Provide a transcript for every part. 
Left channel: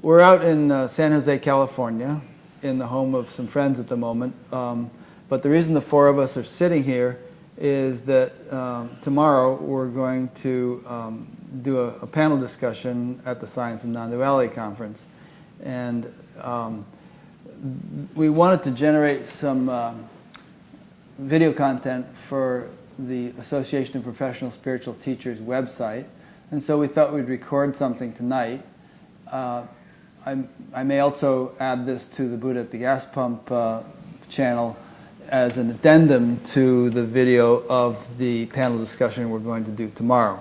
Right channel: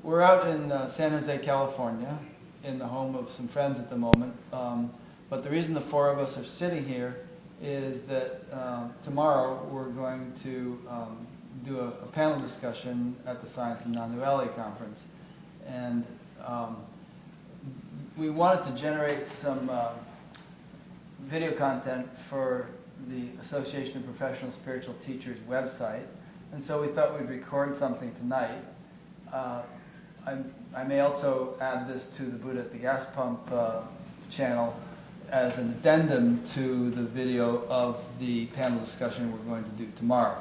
We're out in San Jose, California, in the home of some friends at the moment. But the reason the four of us are sitting here is that tomorrow we're going to do a panel discussion at the Science and Non-Duality Conference. And we wanted to generate some video content for the Association of Professional Spiritual Teachers website. And so we thought we'd record something tonight. I may also add this to the Buddha at the Gas Pump channel as an addendum to the video of the panel discussion we're going to do tomorrow.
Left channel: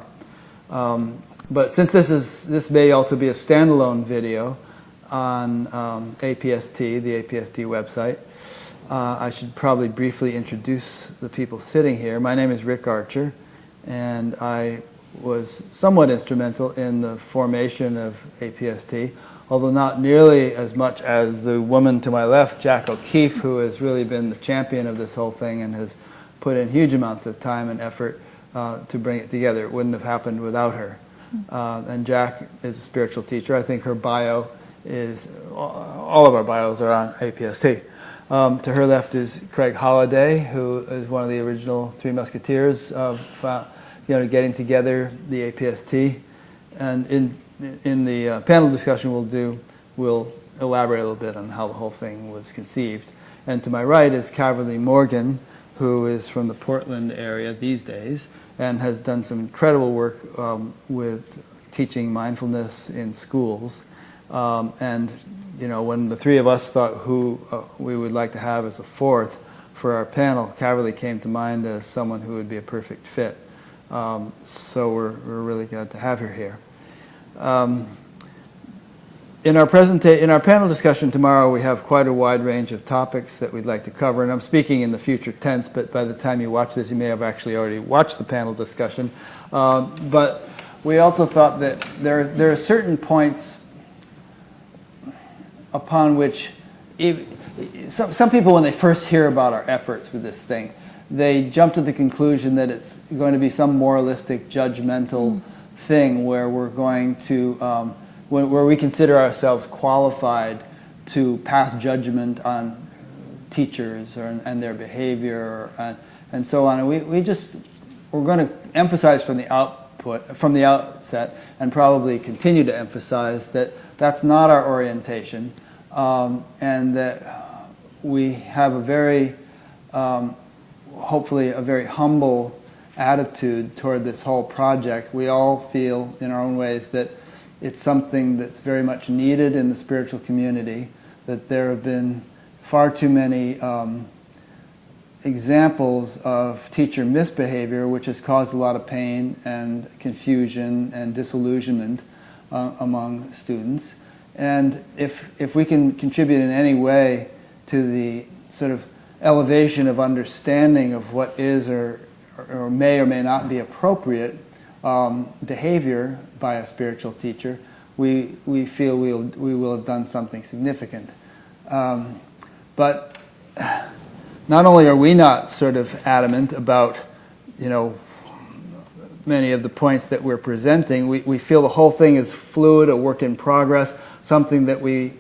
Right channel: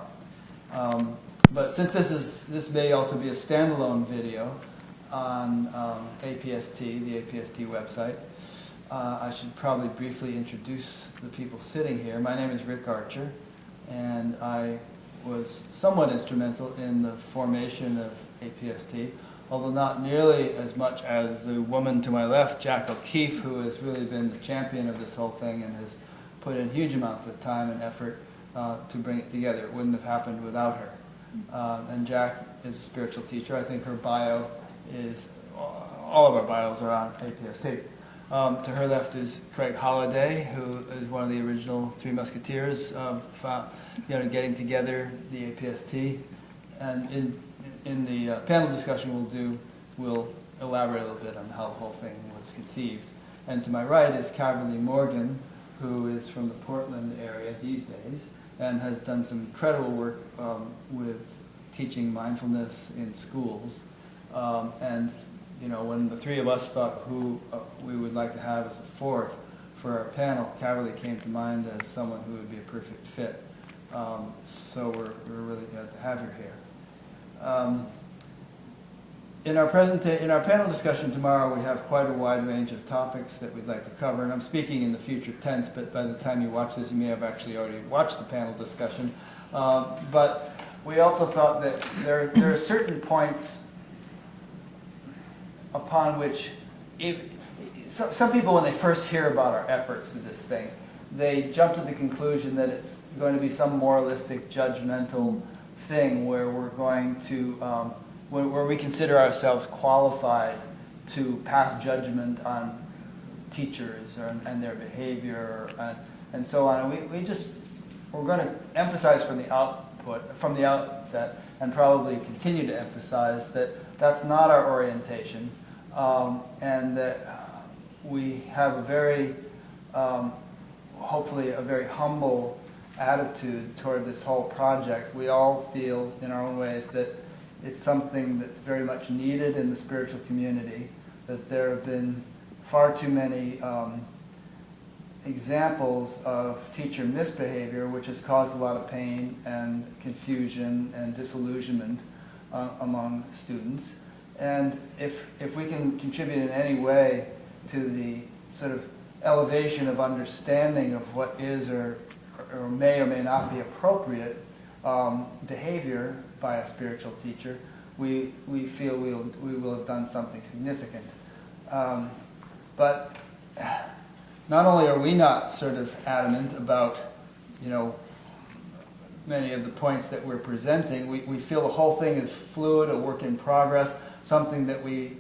But since this may also be a standalone video on APST, the APST website, I should probably briefly introduce the people sitting here. My name is Rick Archer, and I was somewhat instrumental in the formation of APST, although not nearly as much as the woman to my left, Jack O'Keefe, who has really been the champion of this whole thing and has put in huge amounts of time and effort to bring it together. It wouldn't have happened without her. And Jack is a spiritual teacher. I think her bio is, all of our bios are on APST. To her left is Craig Holliday, who is one of the original Three Musketeers of getting together the APST. And in the panel discussion we'll elaborate a little bit on how the whole thing was conceived. And to my right is Caverly Morgan, who is from the Portland area these days and has done some incredible work with teaching mindfulness in schools. And when the three of us thought who we would like to have as a fourth for our panel, Caverly came to mind as someone who would be a perfect fit. So we're really glad to have her here. In our panel discussion tomorrow, we have quite a wide range of topics that we'd like to cover, and I'm speaking in the future tense, but by the time you watch this, you may have actually already watched the panel discussion. But we also thought that there are certain points upon which some people, when they first hear about our efforts with this thing, they jump to the conclusion that it's going to be some moralistic, judgmental thing where we're going to, where we consider ourselves qualified to pass judgment on teachers and their behavior and so on. And we're going to emphasize from the outset, and probably continue to emphasize that that's not our orientation, and that we have a very, hopefully a very humble attitude toward this whole project. We all feel in our own ways that it's something that's very much needed in the spiritual community, that there have been far too many examples of teacher misbehavior which has caused a lot of pain and confusion and disillusionment among students. And if we can contribute in any way to the sort of elevation of understanding of what is or may not be appropriate behavior by a spiritual teacher, we feel we will have done something significant. But not only are we not sort of adamant about many of the points that we're presenting, we feel the whole thing is fluid, a work in progress, something that we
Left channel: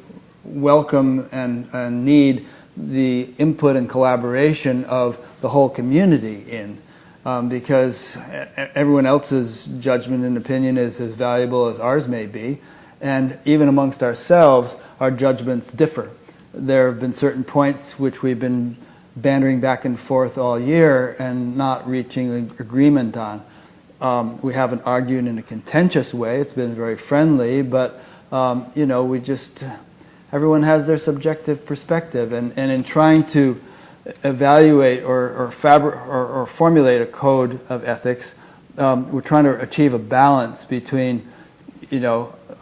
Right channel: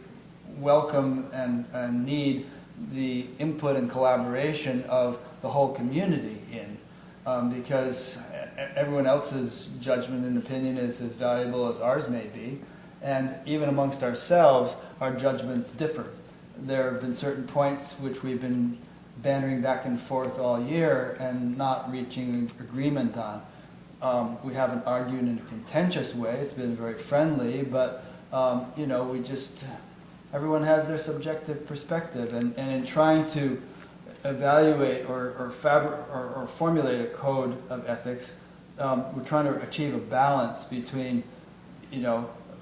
welcome and need the input and collaboration of the whole community in. Because everyone else's judgment and opinion is as valuable as ours may be, and even amongst ourselves, our judgments differ. There have been certain points which we've been bantering back and forth all year and not reaching an agreement on. We haven't argued in a contentious way. It's been very friendly, but everyone has their subjective perspective, and in trying to evaluate or formulate a code of ethics, we're trying to achieve a balance between,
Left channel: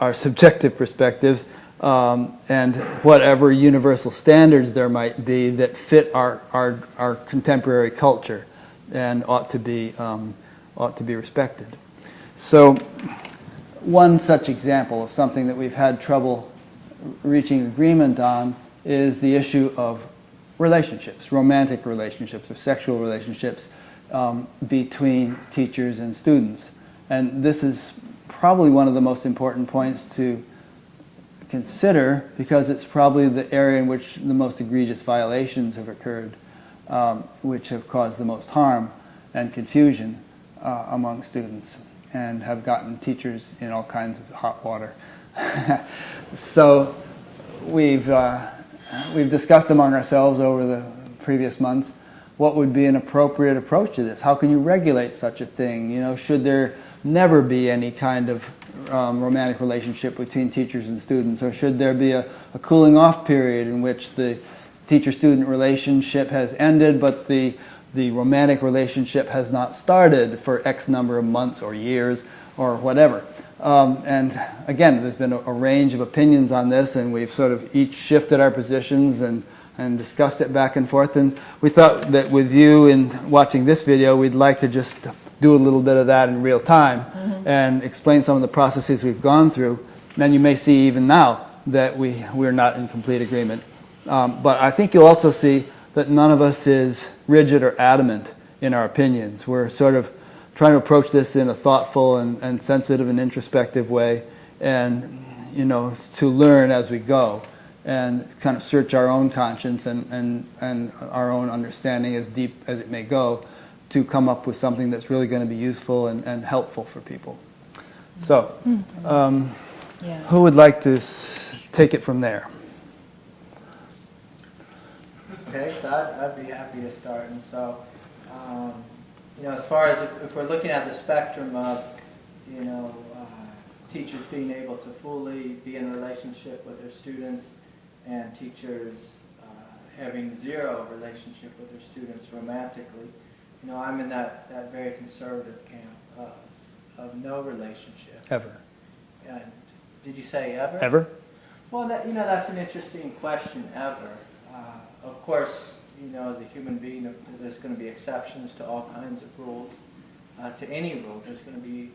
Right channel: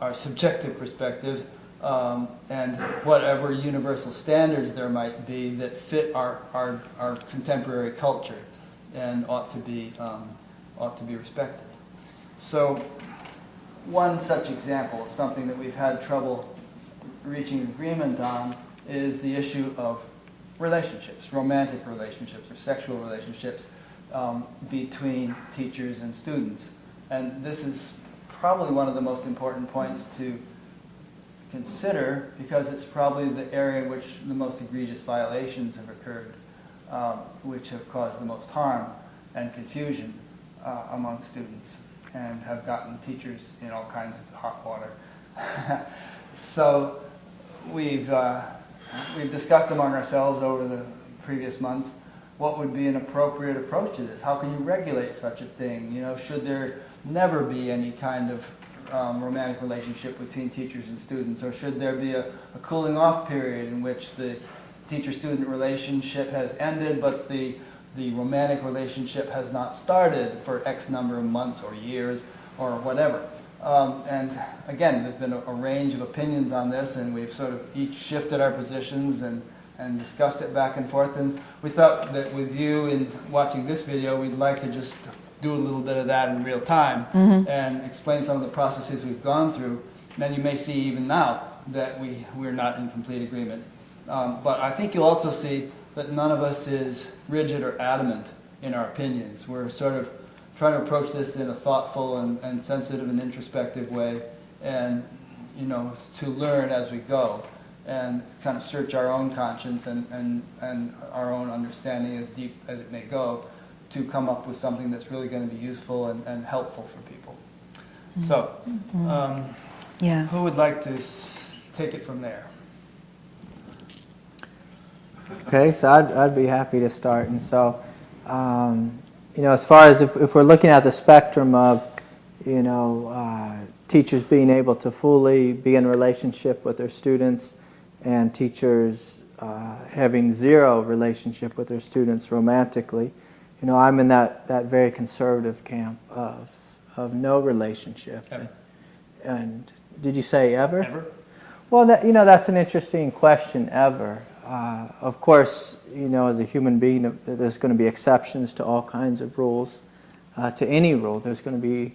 our subjective perspectives and whatever universal standards there might be that fit our contemporary culture and ought to be respected. So, one such example of something that we've had trouble reaching agreement on is the issue of relationships, romantic relationships or sexual relationships between teachers and students. And this is probably one of the most important points to consider, because it's probably the area in which the most egregious violations have occurred, which have caused the most harm and confusion among students and have gotten teachers in all kinds of hot water. So we've discussed among ourselves over the previous months what would be an appropriate approach to this. How can you regulate such a thing? You know, should there never be any kind of romantic relationship between teachers and students, or should there be a cooling off period in which the teacher-student relationship has ended but the romantic relationship has not started for X number of months or years or whatever? And again, there's been a range of opinions on this, and we've sort of each shifted our positions and discussed it back and forth. And we thought that with you in watching this video, we'd like to just do a little bit of that in real time and explain some of the processes we've gone through. And you may see even now that we're not in complete agreement. But I think you'll also see that none of us is rigid or adamant in our opinions. We're sort of trying to approach this in a thoughtful and sensitive and introspective way, and to learn as we go and kind of search our own conscience and our own understanding, as deep as it may go, to come up with something that's really going to be useful and helpful for people. So, who would like to take it from there? Okay, so I'd be happy to start. And so, as far as if we're looking at the spectrum of, teachers being able to fully be in relationship with their students and teachers having zero relationship with their students romantically, I'm in that very conservative camp of no relationship. Ever. And did you say ever? Ever? Well, that's an interesting question, ever. Of course, as a human being, there's going to be exceptions to all kinds of rules. To any rule, there's going to be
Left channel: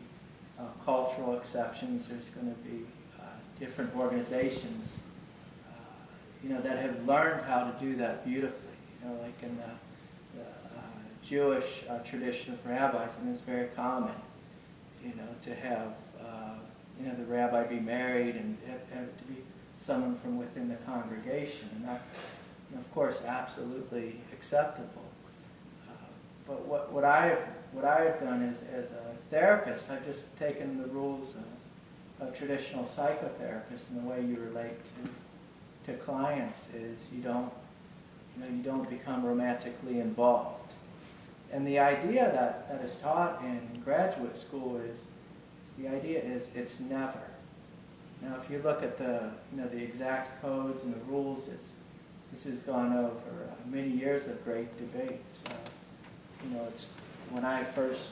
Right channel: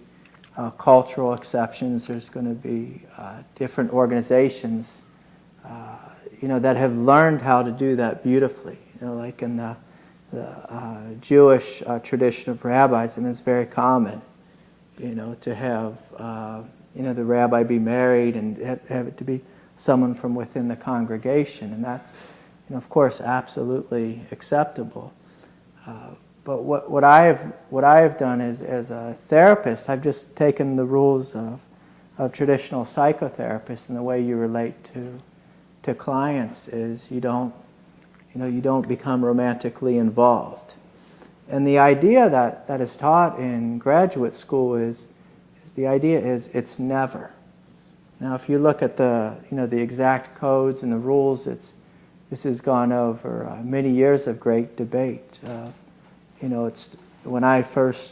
cultural exceptions. There's going to be different organizations, that have learned how to do that beautifully. Like in the Jewish tradition of rabbis, and it's very common, to have, the rabbi be married and have it to be someone from within the congregation, and that's, of course, absolutely acceptable. But what I have done as a therapist, I've just taken the rules of traditional psychotherapists, and the way you relate to clients is you don't become romantically involved. And the idea that is taught in graduate school is it's never. Now, if you look at the exact codes and the rules, this has gone over many years of great debate. It's when I first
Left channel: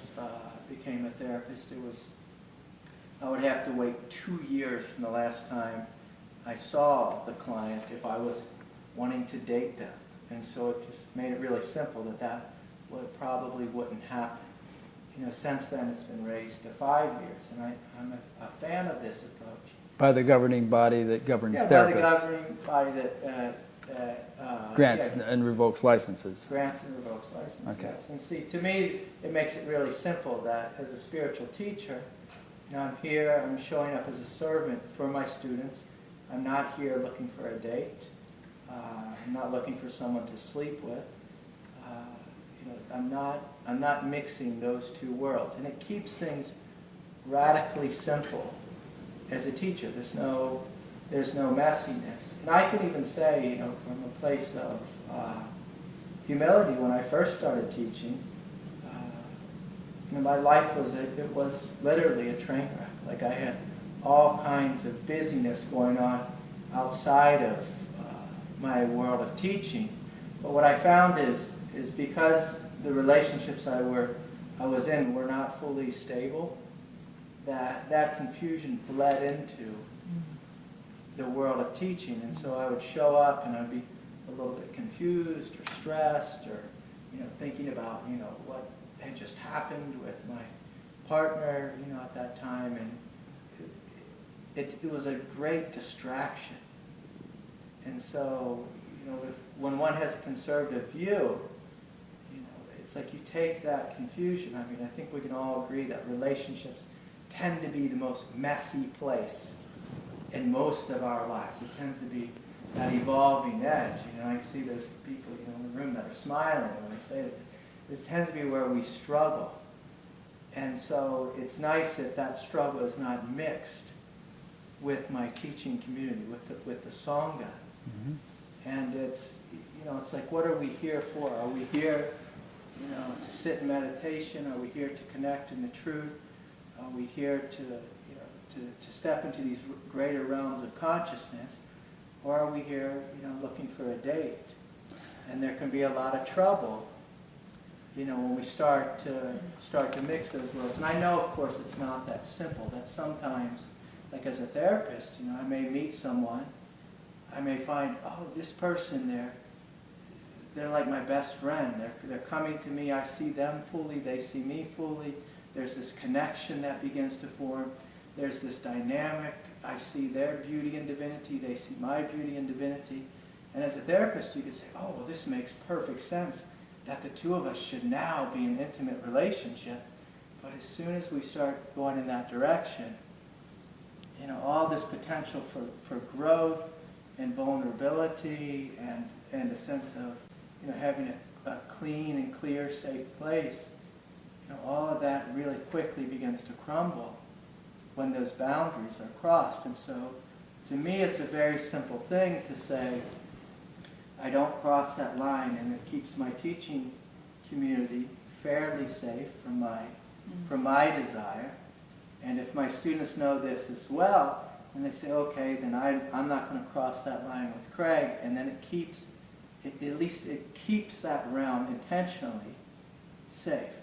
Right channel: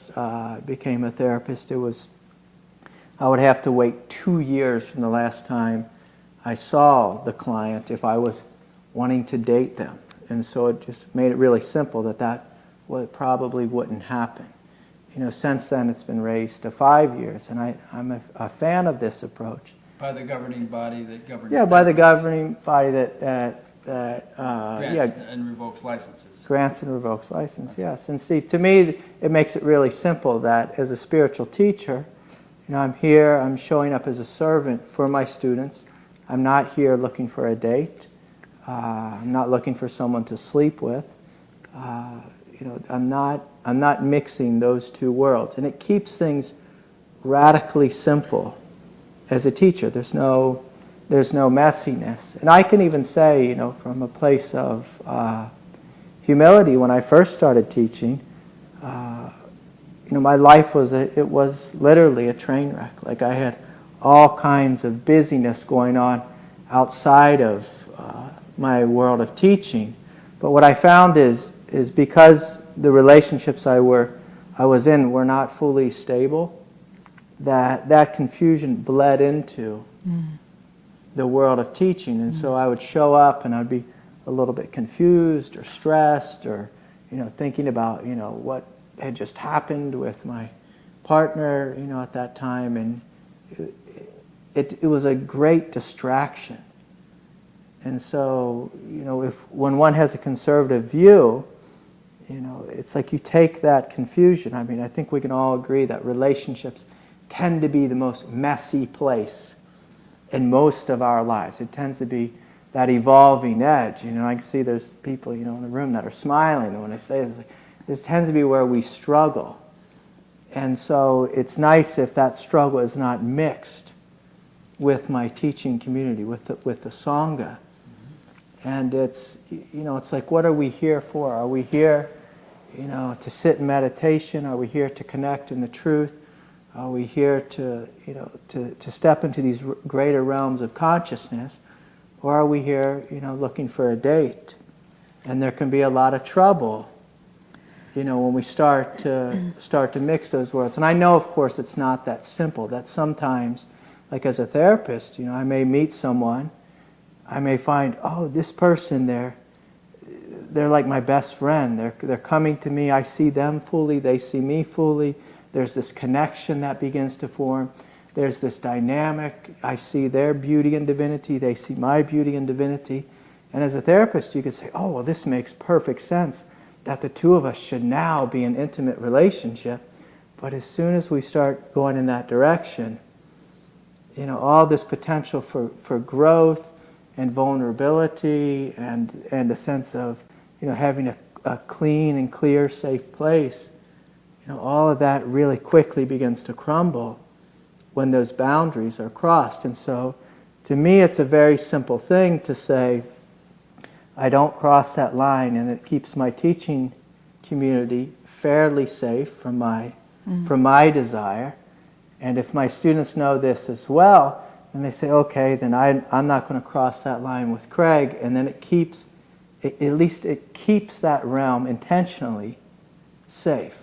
became a therapist, I would have to wait 2 years from the last time I saw the client if I was wanting to date them. And so it just made it really simple that probably wouldn't happen. Since then it's been raised to 5 years, and I'm a fan of this approach. By the governing body that governs therapists. By the governing body that grants and revokes licenses. Grants and revokes license, Okay. yes. And see, to me, it makes it really simple that as a spiritual teacher, I'm here, I'm showing up as a servant for my students. I'm not here looking for a date. I'm not looking for someone to sleep with. I'm not mixing those two worlds, and it keeps things radically simple. As a teacher, there's no messiness, and I can even say, from a place of humility, when I first started teaching, my life was literally a train wreck. Like, I had all kinds of busyness going on outside of my world of teaching. But what I found is because the relationships I was in were not fully stable, that confusion bled into the world of teaching. And so I would show up and I'd be a little bit confused or stressed, or thinking about what had just happened with my partner at that time, and it was a great distraction. And so when one has a conservative view, it's like you take that confusion. I mean, I think we can all agree that relationships tend to be the most messy place in most of our lives. It tends to be that evolving edge. You know, I can see there's people, you know, in the room that are smiling, and when I say this tends to be where we struggle. And so it's nice if that struggle is not mixed with my teaching community, with the Sangha. And it's, you know, it's like, what are we here for? Are we here, you know, to sit in meditation? Are we here to connect in the truth? Are we here to, you know, to step into these greater realms of consciousness? Or are we here, you know, looking for a date? And there can be a lot of trouble, you know, when we start to mix those worlds. And I know, of course, it's not that simple. That sometimes, like as a therapist, you know, I may meet someone, I may find, oh, this person, they're like my best friend. They're coming to me. I see them fully. They see me fully. There's this connection that begins to form. There's this dynamic. I see their beauty and divinity. They see my beauty and divinity. And as a therapist, you could say, oh, well, this makes perfect sense that the two of us should now be in intimate relationship. But as soon as we start going in that direction, you know, all this potential for growth and vulnerability and a sense of, you know, having a clean and clear, safe place, you know, all of that really quickly begins to crumble when those boundaries are crossed. And so, to me, it's a very simple thing to say, I don't cross that line, and it keeps my teaching community fairly safe from my desire. And if my students know this as well, and they say, okay, then I'm not going to cross that line with Craig, and then at least it keeps that realm intentionally safe.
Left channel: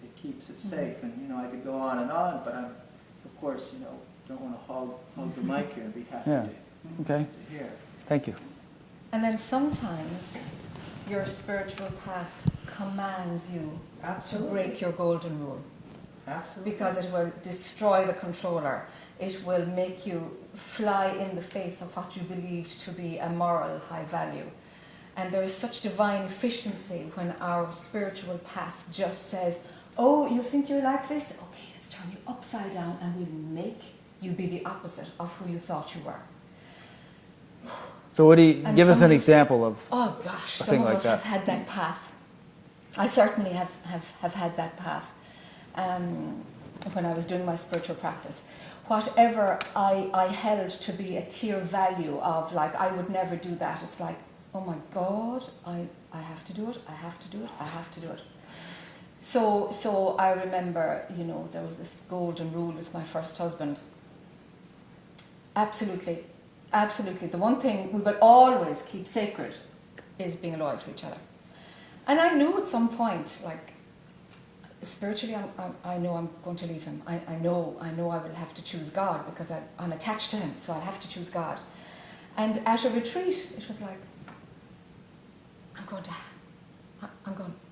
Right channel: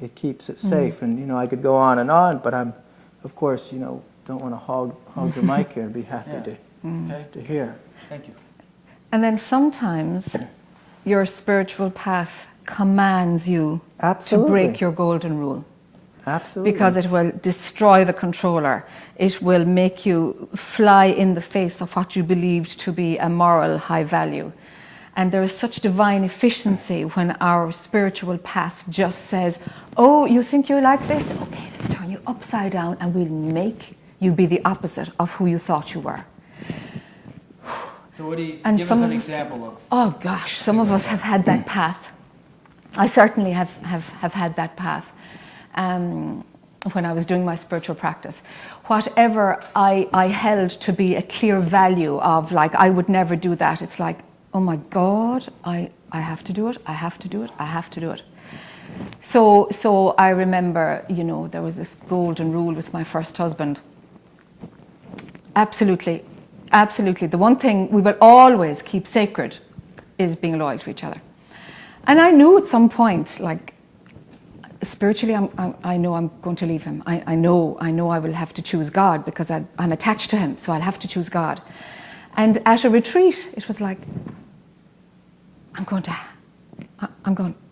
It keeps it safe. And, you know, I could go on, but I'm, of course, you know, don't want to hog the mic here and be happy to hear. Thank you. And then sometimes your spiritual path commands you Absolutely. to break your golden rule. Absolutely. Because it will destroy the controller. It will make you fly in the face of what you believed to be a moral high value. And there is such divine efficiency when our spiritual path just says, oh, you think you like this? Okay, let's turn you upside down and we'll make you be the opposite of who you thought you were. So what do you, give us an example of? Oh gosh, some of us have had that path. I certainly have had that path. When I was doing my spiritual practice, whatever I held to be a clear value of, like, I would never do that, it's like, oh my God, I have to do it, I have to do it, I have to do it. So I remember, you know, there was this golden rule with my first husband. Absolutely, absolutely. The one thing we will always keep sacred is being loyal to each other. And I knew at some point, like, spiritually, I know I'm going to leave him. I know I will have to choose God because I'm attached to him, so I'll have to choose God. And at a retreat, it was like,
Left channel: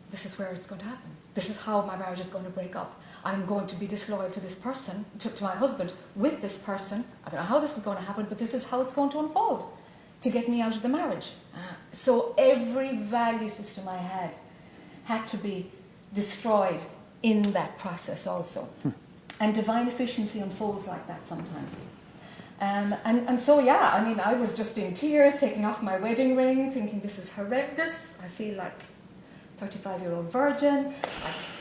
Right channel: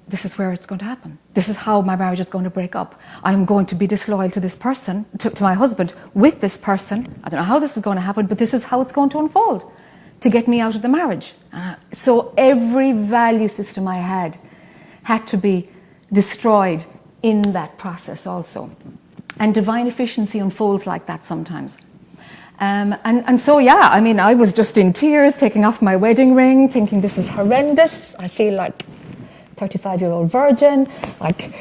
this is where it's going to happen. This is how my marriage is going to break up. I'm going to be disloyal to this person, to my husband, with this person. I don't know how this is going to happen, but this is how it's going to unfold to get me out of the marriage. So every value system I had to be destroyed in that process also. And divine efficiency unfolds like that sometimes. And so, yeah, I mean, I was just in tears, taking off my wedding ring, thinking this is horrendous. I feel like 35-year-old virgin. Like,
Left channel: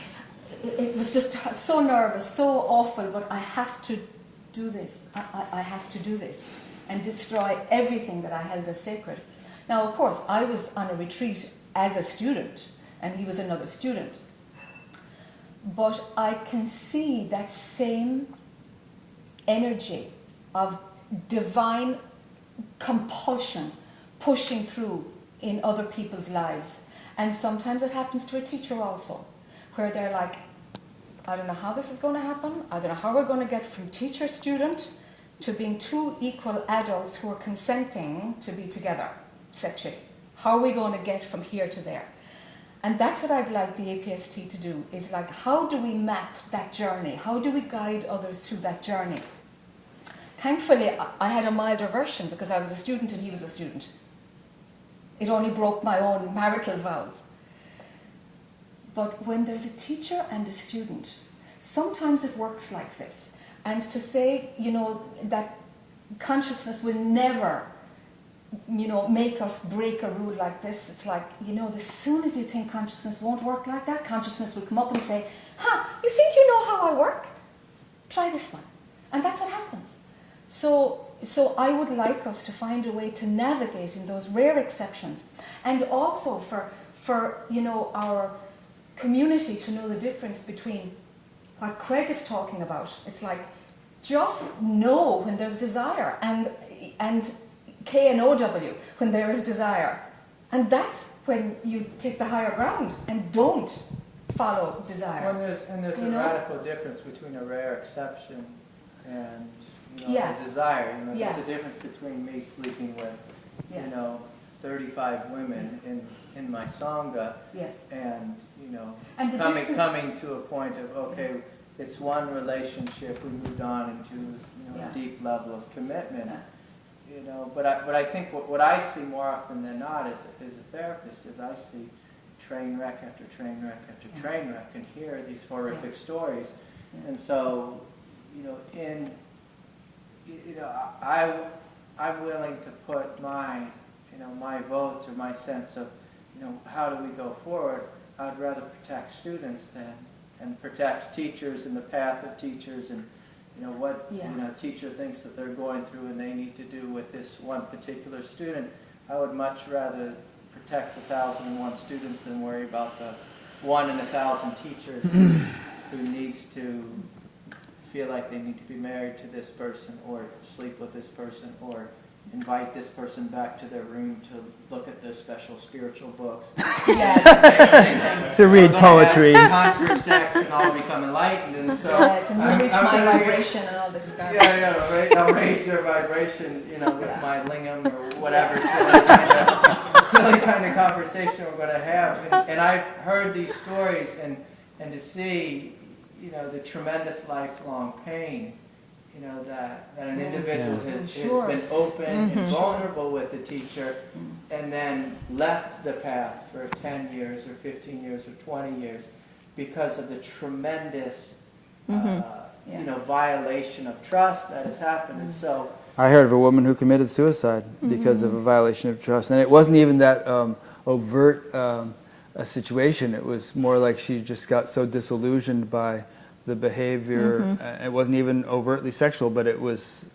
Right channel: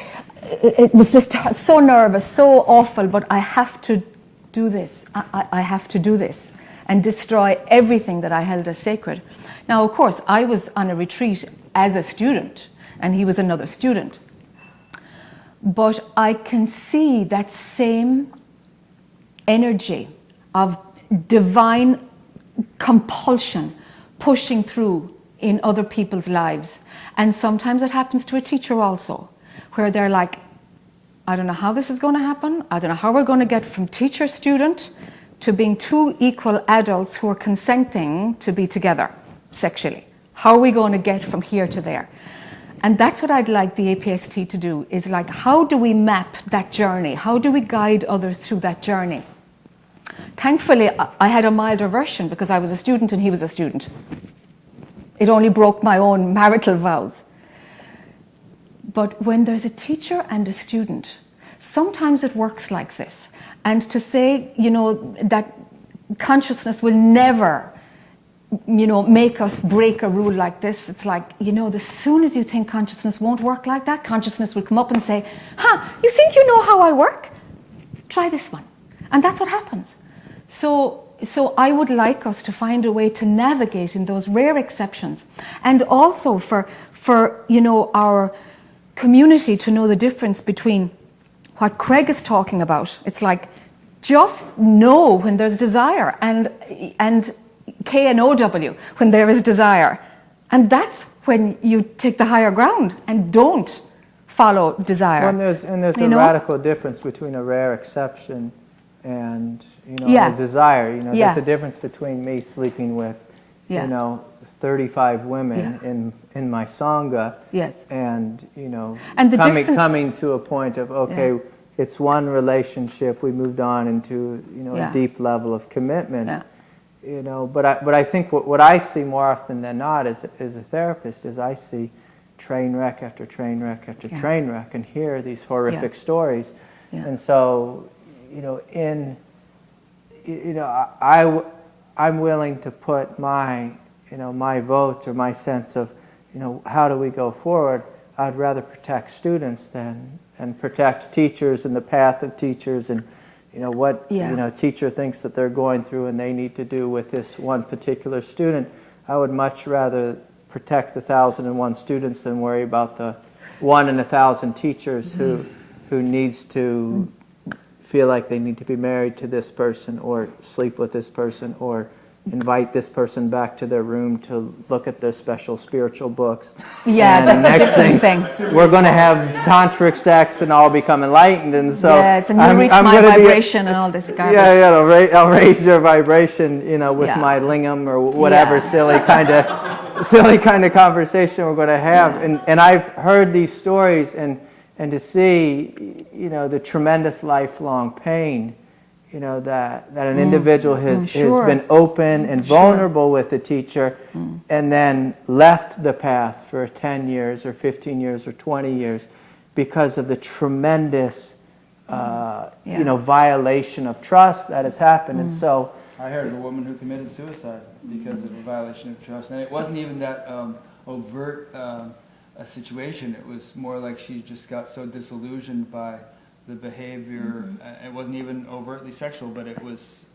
it was just so nervous, so awful, but I have to do this. I have to do this and destroy everything that I held as sacred. Now, of course, I was on a retreat as a student, and he was another student. But I can see that same energy of divine compulsion pushing through in other people's lives. And sometimes it happens to a teacher also, where they're like, I don't know how this is going to happen. I don't know how we're going to get from teacher-student to being two equal adults who are consenting to be together sexually. How are we going to get from here to there? And that's what I'd like the APST to do, is like, how do we map that journey? How do we guide others through that journey? Thankfully, I had a milder version because I was a student and he was a student. It only broke my own marital vows. But when there's a teacher and a student, sometimes it works like this. And to say, you know, that consciousness will never, make us break a rule like this. It's like, as soon as you think consciousness won't work like that, consciousness will come up and say, you think you know how I work? Try this one. And that's what happens. So I would like us to find a way to navigate in those rare exceptions, and also for our community to know the difference between what Craig is talking about. It's like, just know when there's desire, and KNOW when there is desire, and that's when you take the higher ground and don't follow desire. Well, there's a radical difference between a rare exception and a desire. There's a difference between me sleeping with 35 women in my sangha, and coming to a point of it's one relationship, we moved on into a deep level of commitment. But I think what I see more often than not as a therapist is I see train wreck after train wreck after train wreck, and hear these horrific stories. And so I'm willing to put my my vote or my sense of how do we go forward. I'd rather protect students and protect teachers and the path of teachers, and what teacher thinks that they're going through and they need to do with this one particular student. I would much rather protect the 1,001 students than worry about the 1 in 1,000 teachers who needs to feel like they need to be married to this person, or sleep with this person, or invite this person back to their room to look at their special spiritual books. Yeah, and the next thing, we're going to have poetry. tantric sex and all become enlightened, and so and you'll reach my vibration and all this garbage. I'll raise your vibration, with my lingam or whatever silly kind of conversation we're going to have. And I've heard these stories, and to see, the tremendous lifelong pain, that an individual has been open and vulnerable with the teacher, and then left the path for 10 years or 15 years or 20 years because of the tremendous violation of trust that has happened. And so I heard of a woman who committed suicide because of a violation of trust, and it wasn't even that overt a situation. It was more like she just got so disillusioned by the behavior. It wasn't even overtly sexual, but it was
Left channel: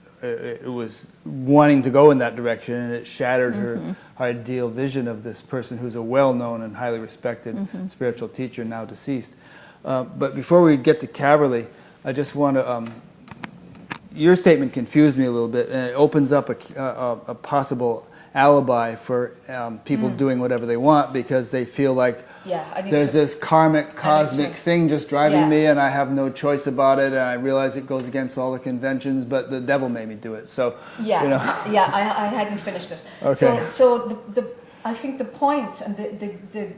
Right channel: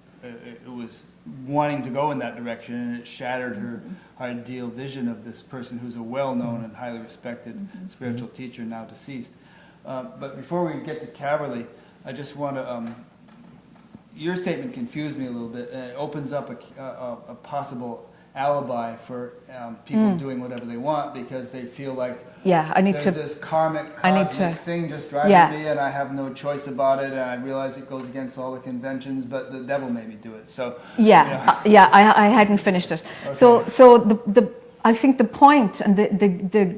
wanting to go in that direction, and it shattered her ideal vision of this person who's a well-known and highly respected spiritual teacher, now deceased. But before we get to Caverly, I just want to your statement confused me a little bit, and it opens up a possible alibi for people doing whatever they want because they feel like there's this karmic, cosmic thing just driving me, and I have no choice about it, and I realize it goes against all the conventions, but the devil made me do it. So I hadn't finished it. Okay. So I think the point and the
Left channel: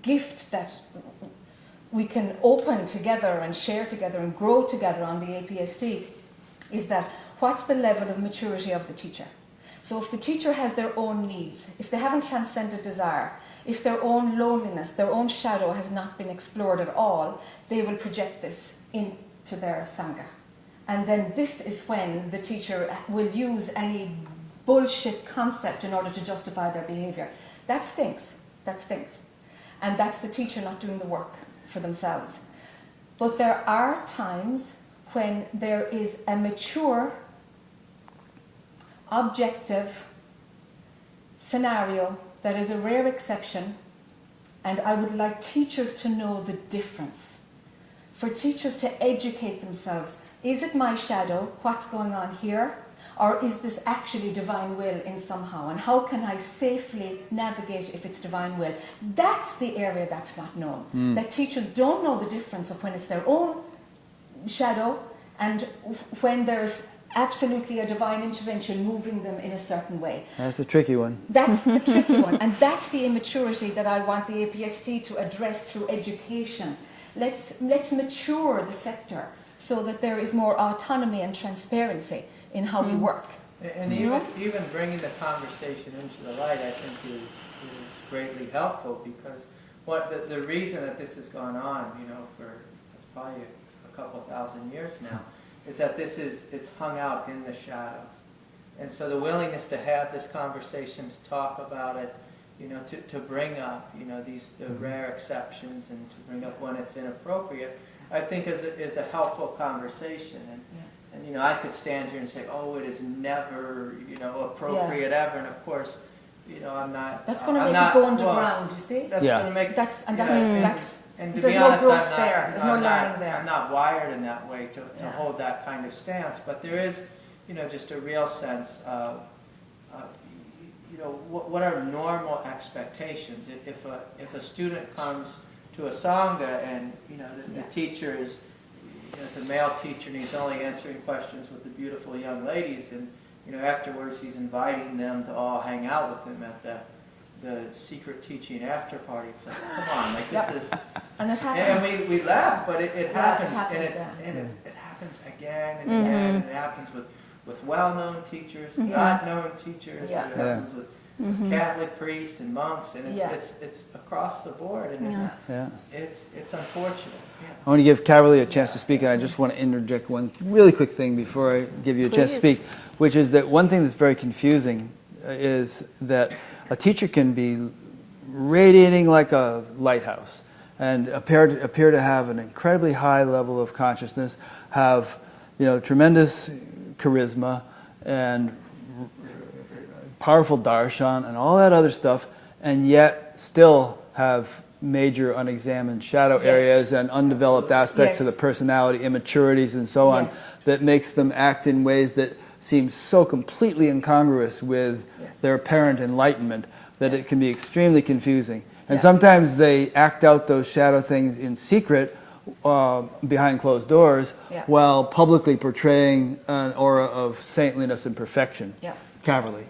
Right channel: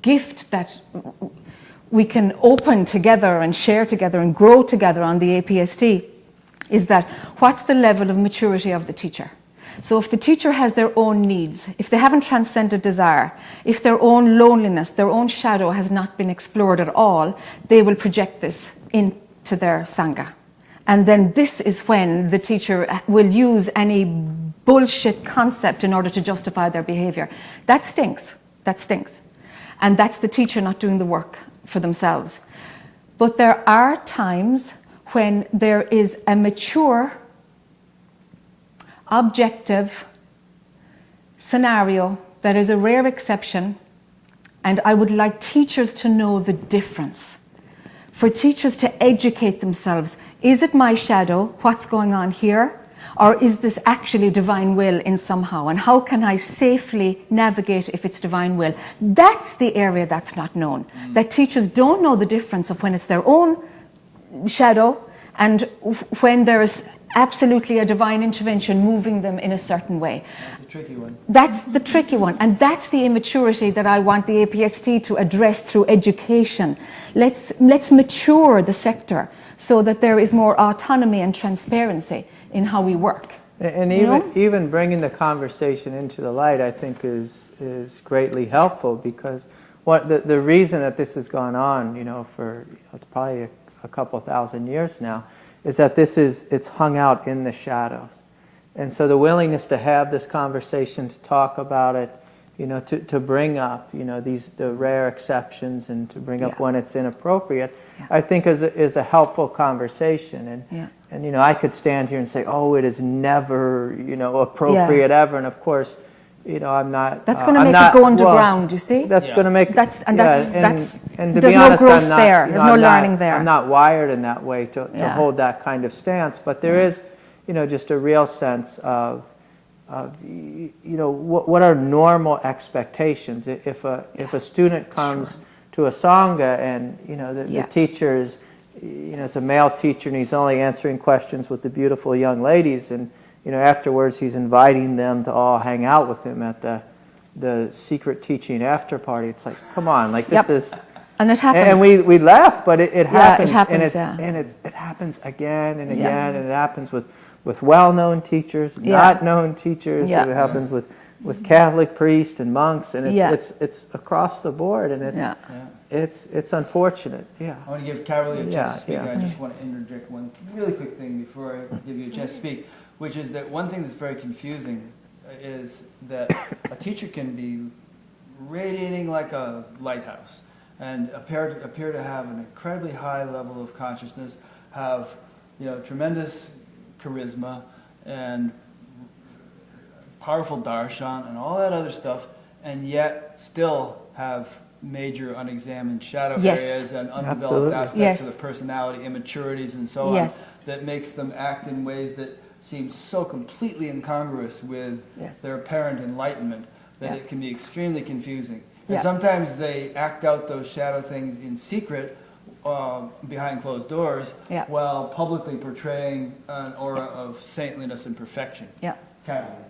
gift that we can open together and share together and grow together on the APST is that what's the level of maturity of the teacher? So if the teacher has their own needs, if they haven't transcended desire, if their own loneliness, their own shadow has not been explored at all, they will project this into their Sangha. And then this is when the teacher will use any bullshit concept in order to justify their behavior. That stinks. That stinks. And that's the teacher not doing the work for themselves. But there are times when there is a mature, objective scenario that is a rare exception, and I would like teachers to know the difference. For teachers to educate themselves, is it my shadow, what's going on here, or is this actually divine will in somehow, and how can I safely navigate if it's divine will? That's the area that's not known, that teachers don't know the difference of when it's their own shadow and when there's absolutely a divine intervention moving them in a certain way. That's a tricky one. That's the tricky one, and that's the immaturity that I want the APST to address through education. Let's mature the sector so that there is more autonomy and transparency in how we work. And even bringing the conversation into the light, I think, is greatly helpful, because the reason that this has gone on, for probably a couple thousand years now, is that it's hung out in the shadows. And so the willingness to have this conversation, to talk about it, to bring up, the rare exceptions and to bring up when it's inappropriate, I think is a helpful conversation. And I could stand here and say, oh, it is never, appropriate ever. And of course, I'm not. That's going to make it go underground. You see. That's going to make. And to there's be honest, no growth I'm not, there. There's no learning there. I'm not wired in that way to hold that kind of stance. But there is, just a real sense of what are normal expectations. If a student comes to a Sangha and the teacher is, it's a male teacher and he's only answering questions with the beautiful young ladies, and afterwards he's inviting them to all hang out with him at the secret teaching after party. It's like, come on, like this is. And it happens. And we laugh, but it happens. It happens, and it happens again and again, and it happens with well-known teachers, not known teachers. It happens with Catholic priests and monks, and it's across the board, and it's unfortunate. I want to give Carolee a chance to speak, and I just want to interject one really quick thing before I give you a chance to speak, which is that one thing that's very confusing is that a teacher can be radiating like a lighthouse and appear to have an incredibly high level of consciousness, have tremendous charisma and powerful darshan and all that other stuff, and yet still have major unexamined shadow areas and undeveloped aspects of the personality, immaturities and so on, that makes them act in ways that seem so completely incongruous with their apparent enlightenment that it can be extremely confusing. And sometimes they act out those shadow things in secret behind closed doors while publicly portraying an aura of saintliness and perfection. Carolee.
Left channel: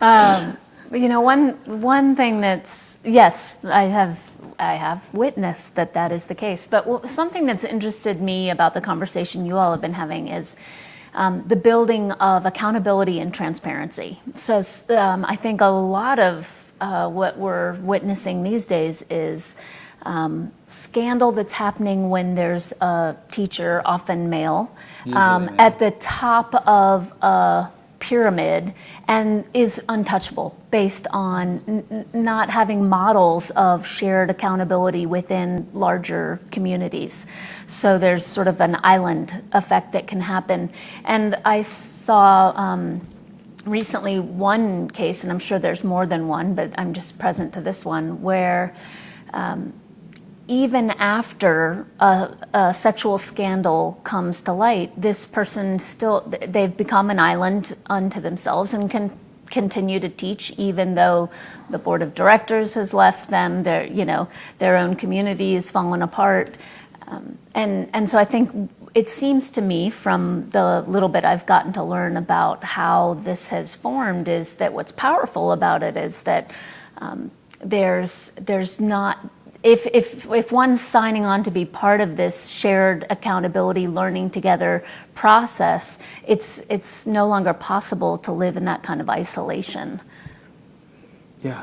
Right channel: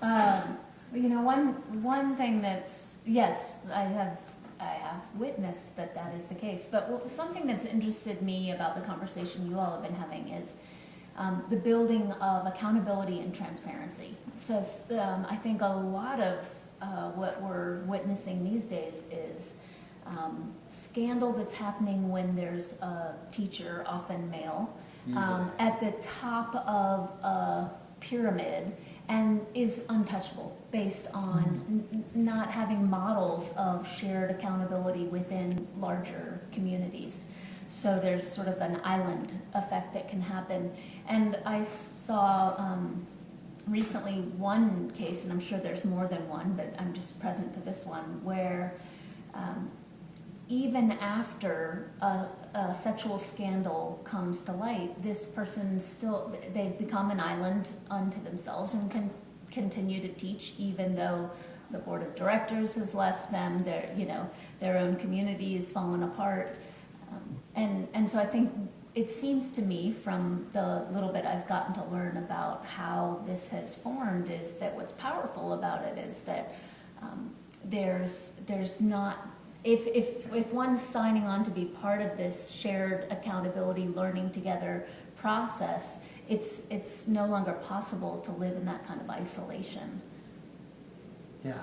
Well, one thing that's, yes, I have witnessed that is the case. But something that's interested me about the conversation you all have been having is the building of accountability and transparency. So I think a lot of what we're witnessing these days is scandal that's happening when there's a teacher, often male, at the top of a pyramid and is untouchable based on not having models of shared accountability within larger communities. So there's sort of an island effect that can happen. And I saw recently one case, and I'm sure there's more than one, but I'm just present to this one, where even after a sexual scandal comes to light, this person they've become an island unto themselves and can continue to teach even though the board of directors has left them, their own community has fallen apart. And so I think it seems to me from the little bit I've gotten to learn about how this has formed is that what's powerful about it is that there's not, if one's signing on to be part of this shared accountability, learning together process, it's no longer possible to live in that kind of isolation. Yeah.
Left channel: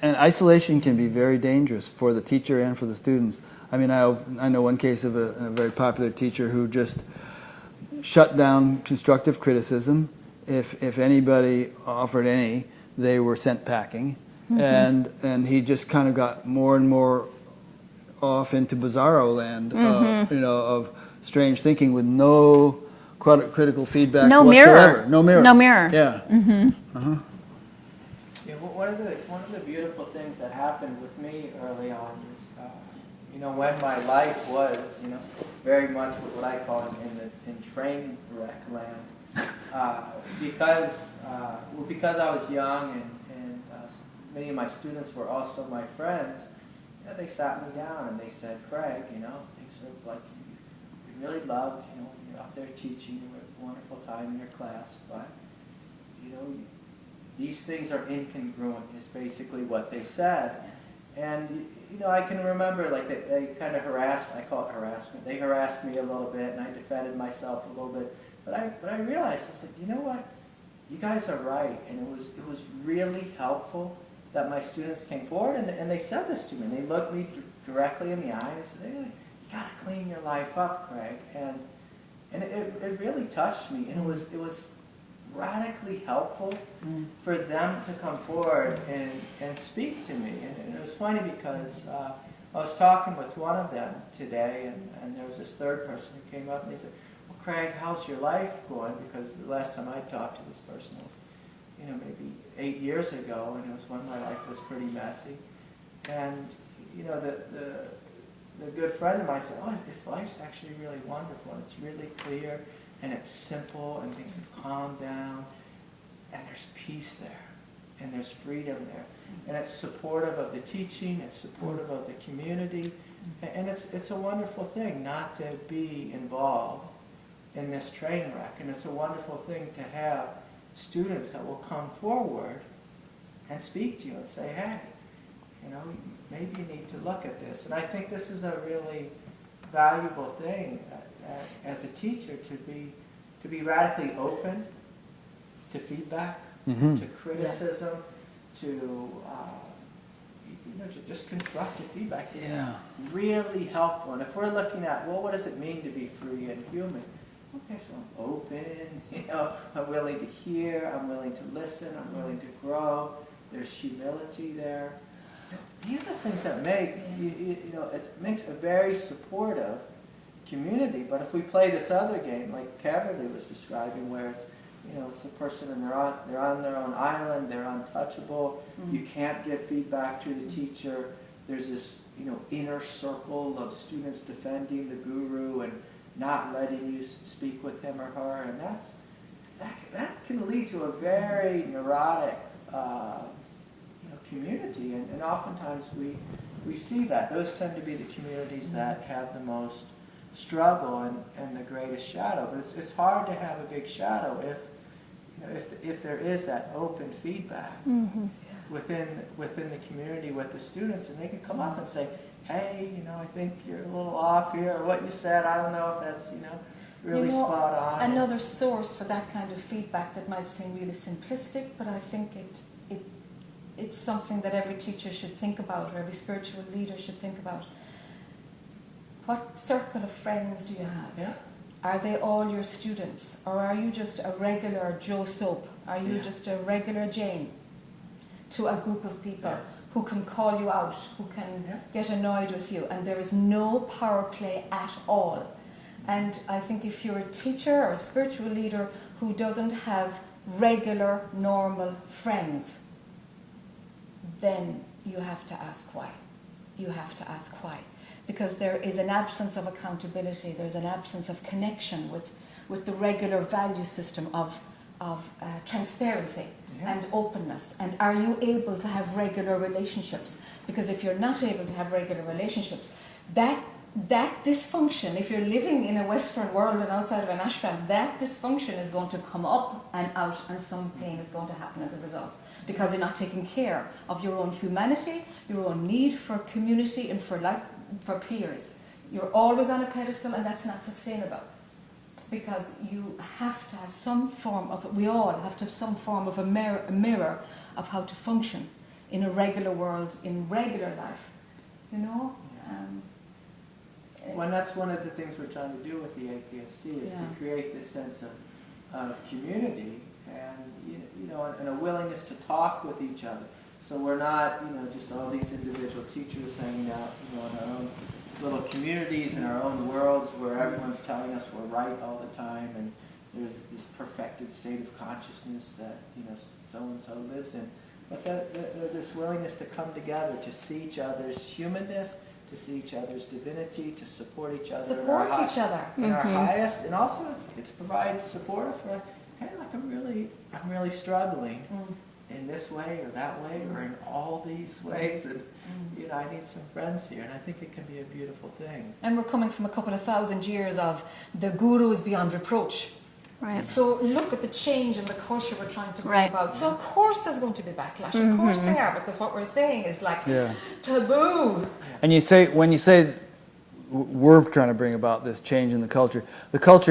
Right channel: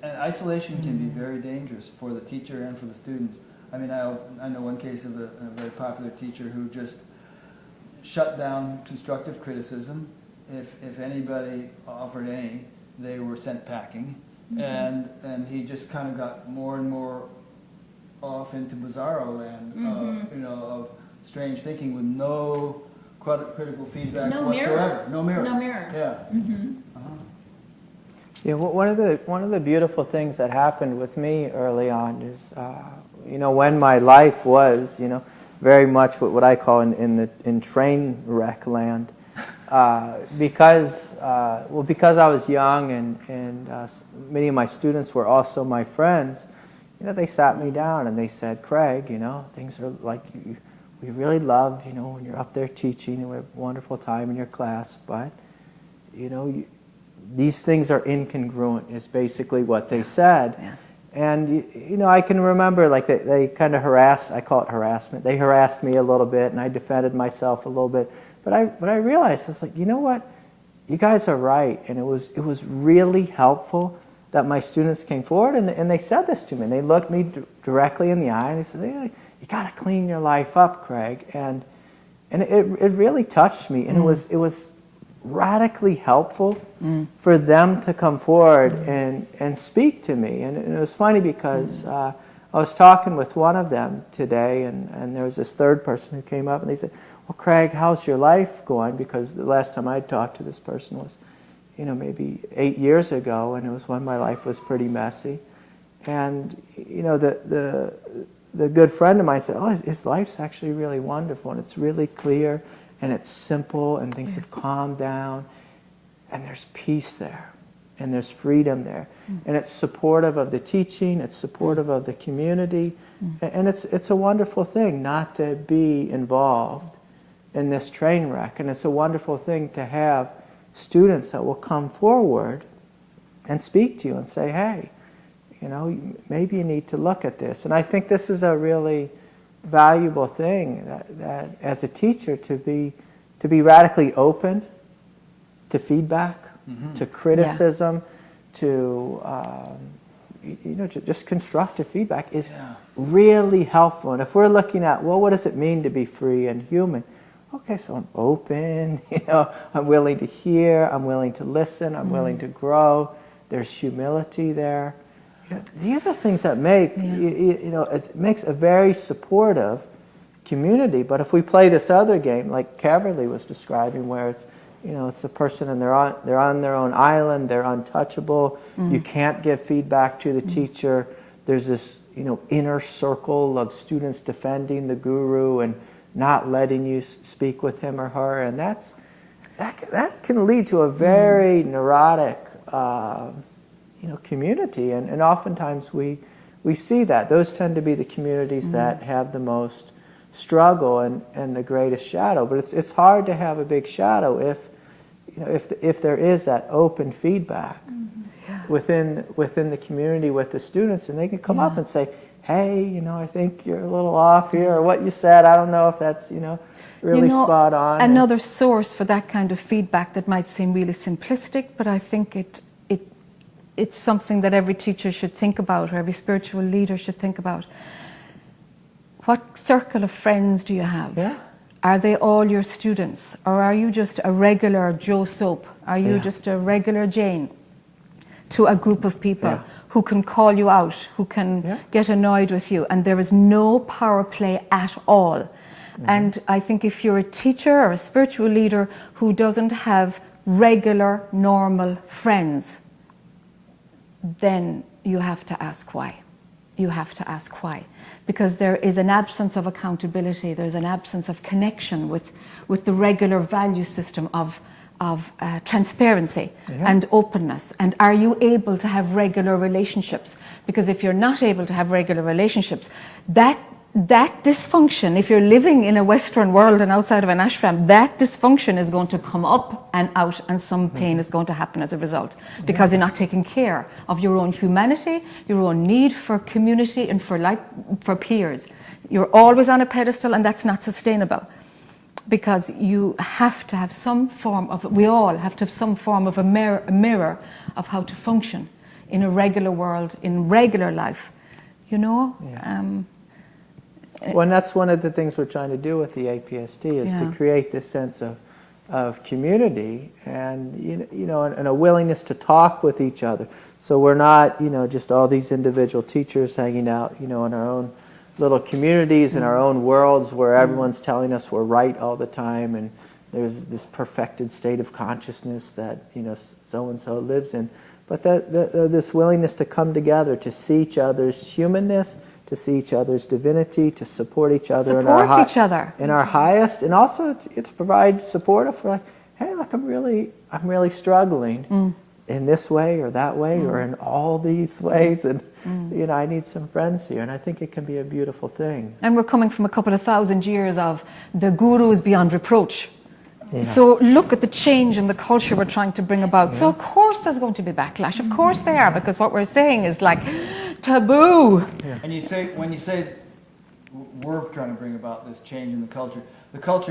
And isolation can be very dangerous for the teacher and for the students. I mean, I know one case of a very popular teacher who just shut down constructive criticism. If anybody offered any, they were sent packing. And he just kind of got more and more off into bizarro land, of strange thinking with no critical feedback whatsoever. No mirror. No mirror. Yeah. Yeah. One of the beautiful things that happened with me early on is, when my life was, very much what I call in train wreck land. Because I was young and many of my students were also my friends, they sat me down and they said, Craig, things are like we really love, when you're up there teaching and we have a wonderful time in your class, but, these things are incongruent is basically what they said. Yeah. And, I can remember like they kind of I call it harassment. They harassed me a little bit and I defended myself a little bit. But I realized, it's like, you know what? You guys are right. And it was really helpful that my students came forward and they said this to me. And they looked me directly in the eye and they said, you got to clean your life up, Craig. And it really touched me, and it was radically helpful for them to come forward and speak to me. And it was funny because I was talking with one of them today, and there was this third person who came up, and they said, well, Craig, how's your life going? Because the last time I talked to this person was, maybe 8 years ago, and it was when my life was pretty messy. And, the good friend of mine said, oh, his life's actually really wonderful, and it's really clear, and it's simple, and things have calmed down, and there's peace there, and there's freedom there. And it's supportive of the teaching, it's supportive of the community, and it's a wonderful thing not to be involved in this train wreck. And it's a wonderful thing to have students that will come forward and speak to you and say, hey, maybe you need to look at this. And I think this is a really valuable thing that as a teacher to be radically open to feedback, to criticism, to just constructive feedback is really helpful. And if we're looking at, well, what does it mean to be free and human? Okay, so I'm open, I'm willing to hear, I'm willing to listen, I'm willing to grow. There's humility there. These are things that make, it makes a very supportive community. But if we play this other game, like Caverly was describing, where it's, it's the person and they're on their own island, they're untouchable, you can't give feedback to the teacher, there's this, inner circle of students defending the guru and not letting you speak with him or her, and that can lead to a very neurotic community, and oftentimes we see that. Those tend to be the communities that have the most struggle and the greatest shadow. But it's hard to have a big shadow if there is that open feedback within the community with the students, and they can come up and say, hey, I think you're a little off here, or what you said, I don't know if that's, really spot on. Another source for that kind of feedback that might seem really simplistic, but I think it's something that every teacher should think about, or every spiritual leader should think about. What circle of friends do you have? Yeah. Are they all your students? Or are you just a regular Joe Soap? Are you just a regular Jane to a group of people who can call you out, who can get annoyed with you, and there is no power play at all? And I think if you're a teacher or a spiritual leader who doesn't have regular, normal friends, then you have to ask why. You have to ask why. Because there is an absence of accountability, there's an absence of connection with the regular value system of transparency and openness. And are you able to have regular relationships? Because if you're not able to have regular relationships, that dysfunction, if you're living in a Western world and outside of an ashram, that dysfunction is going to come up and out, and some pain is going to happen as a result, because you're not taking care of your own humanity, your own need for community and for peers. You're always on a pedestal, and that's not sustainable, because you have to have some form of, we all have to have some form of a mirror of how to function in a regular world, in regular life, Well, and that's one of the things we're trying to do with the APST, is to create this sense of community and and a willingness to talk with each other. So we're not just all these individual teachers hanging out in our own little communities, in our own worlds where everyone's telling us we're right all the time, and there's this perfected state of consciousness that so and so lives in. But this willingness to come together, to see each other's humanness, to see each other's divinity, to support each other in our highest, and also to provide support for, hey, look, I'm really struggling in this way or that way or in all these ways, and I need some friends here, and I think it can be a beautiful thing. And we're coming from a couple of thousand years of the gurus beyond reproach. Right. So look at the change in the culture we're trying to bring about. So of course there's going to be backlash. Of course they are, because what we're saying is like taboo. And when you say we're trying to bring about this change in the culture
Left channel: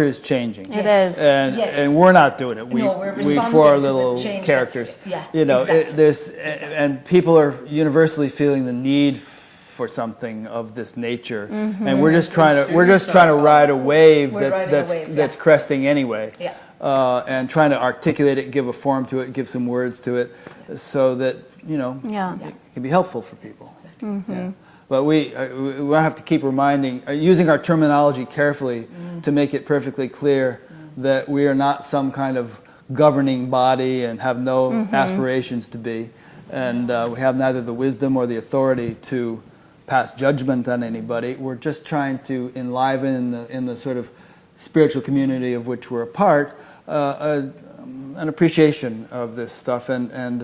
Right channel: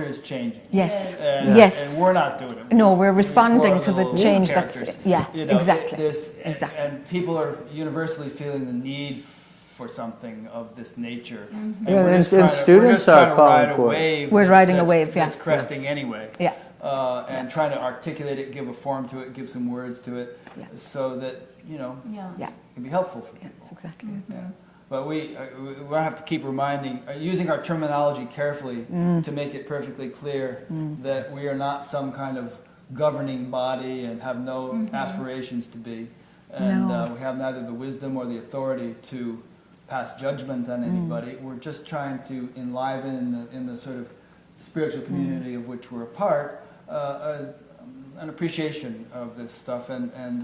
is changing. It is. And we're not doing it. We're responding to the change. Characters. Exactly. And people are universally feeling the need for something of this nature, Mm-hmm. and we're And just then trying to students are ride calling a for it. wave. We're riding a that's, wave, yeah. that's cresting anyway. Yeah. And trying to articulate it, give a form to it, give some words to it, so that Yeah. it can be helpful for people. Yeah. But we have to keep reminding, using our terminology carefully to make it perfectly clear that we are not some kind of governing body and have no aspirations to be. And we have neither the wisdom or the authority to pass judgment on anybody. We're just trying to enliven in the sort of spiritual community of which we're a part, an appreciation of this stuff and an